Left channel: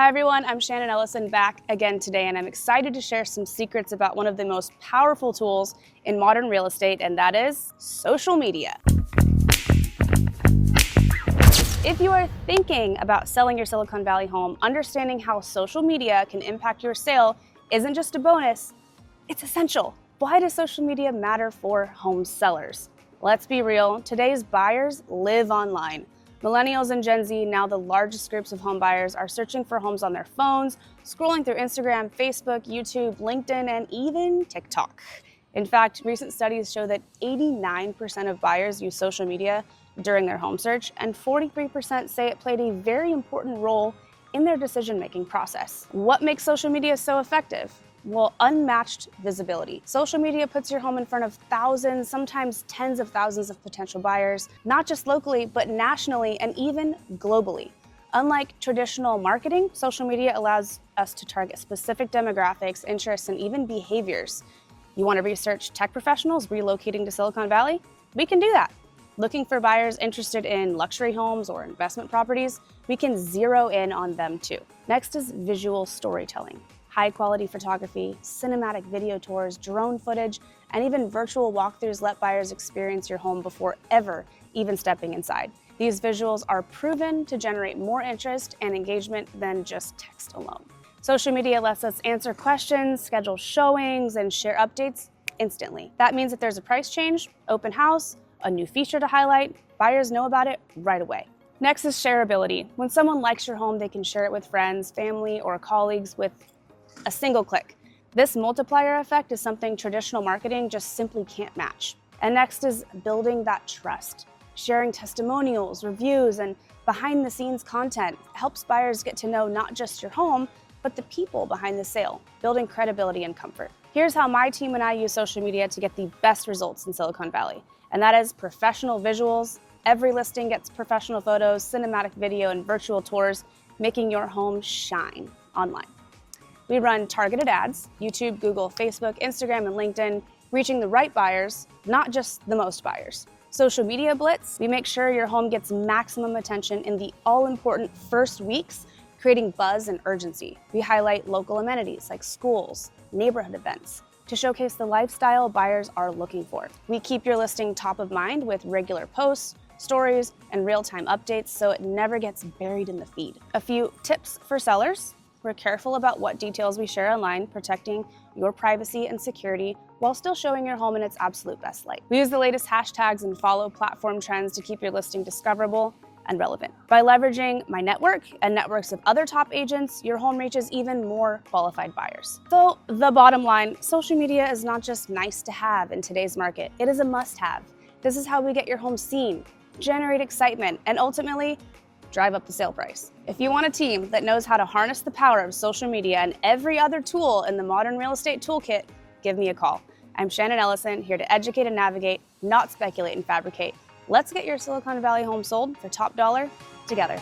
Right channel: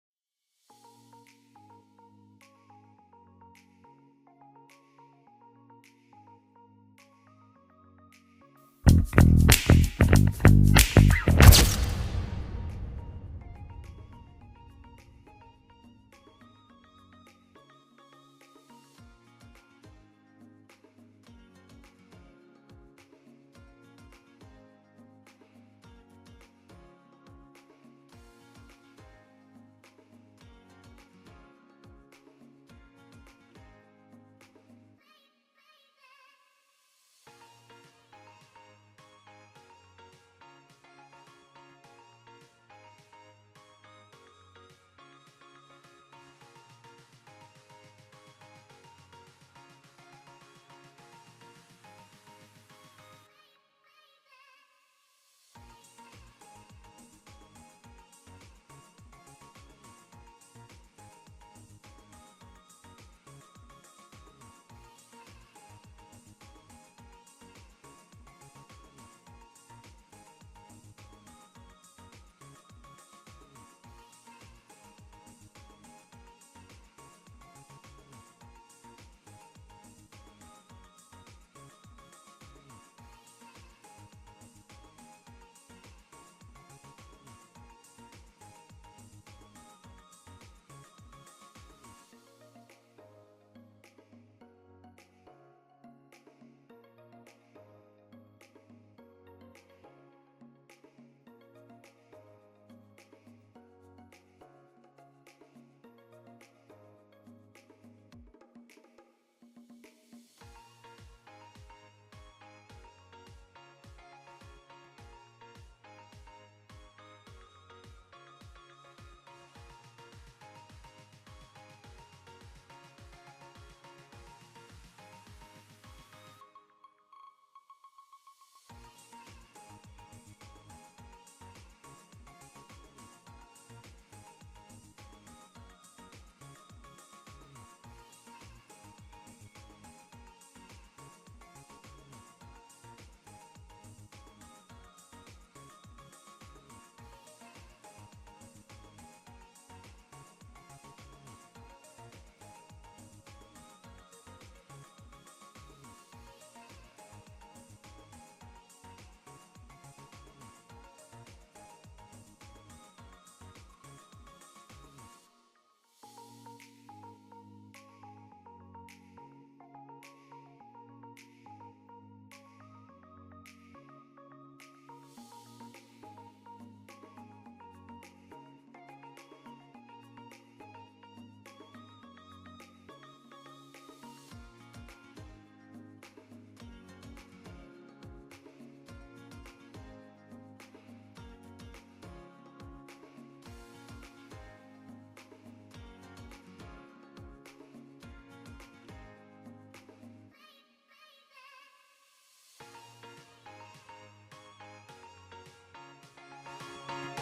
Hi everyone, I'm Shannon Ellison back again today, and I'm excited to share some secrets about one of the most powerful tools in modern real estate, and that is social media. If you are thinking about selling your Silicon Valley home, understanding how social media can impact your sale isn't just a bonus, it's essential. Why does social media matter for home sellers? Let's be real, today's buyers live online. Millennials and Gen Z, now the largest groups of home buyers, are searching for homes on their phones, scrolling through Instagram, Facebook, YouTube, LinkedIn, and even TikTok. In fact, recent studies show that 89% of buyers use social media during their home search, and 43% say it played a very important role in their decision-making process. What makes social media so effective? Well, unmatched visibility. Social media puts your home in front of thousands, sometimes tens of thousands of potential buyers, not just locally, but nationally and even globally. Unlike traditional marketing, social media allows us to target specific demographics, interests, and even behaviors. You want to research tech professionals relocating to Silicon Valley? We can do that. Looking for buyers interested in luxury homes or investment properties? We can zero in on them too. Next is visual storytelling. High-quality photography, cinematic video tours, drone footage, and even virtual walkthroughs let buyers experience your home before ever even stepping inside. These visuals are proven to generate more interest and engagement than just text alone. Social media lets us answer questions, schedule showings, and share updates instantly. That means if there's a price change, open house, a new feature to highlight, buyers know about it right away. Next is shareability. When someone likes your home, they can share it with friends, family, or colleagues with a single click. This multiplier effect is something traditional marketing just simply can't match. And next is building that trust. Sharing testimonials, reviews, and behind-the-scenes content helps buyers get to know not just your home, but the people behind the sale, building credibility and comfort. Here's how my team and I use social media to get the best results in Silicon Valley, and that is professional visuals. Every listing gets professional photos, cinematic video, and virtual tours, making your home shine online. We run targeted ads, YouTube, Google, Facebook, Instagram, and LinkedIn, reaching the right buyers, not just the most buyers. Social media blitz, we make sure your home gets maximum attention in the all-important first weeks, creating buzz and urgency. We highlight local amenities like schools, neighborhood events, to showcase the lifestyle buyers are looking for. We keep your listing top of mind with regular posts, stories, and real-time updates so it never gets buried in the feed. A few tips for sellers. We're careful about what details we share online, protecting your privacy and security while still showing your home in its absolute best light. We use the latest hashtags and follow platform trends to keep your listing discoverable and relevant. By leveraging my network and networks of other top agents, your home reaches even more qualified buyers. So the bottom line, social media is not just nice to have in today's market, it is a must-have. This is how we get your home seen, generate excitement, and ultimately drive up the sale price. If you want a team that knows how to harness the power of social media and every other tool in the modern real estate toolkit, give me a call. I'm Shannon Ellison, here to educate and navigate, not speculate and fabricate. Let's get your Silicon Valley home sold for top dollar together.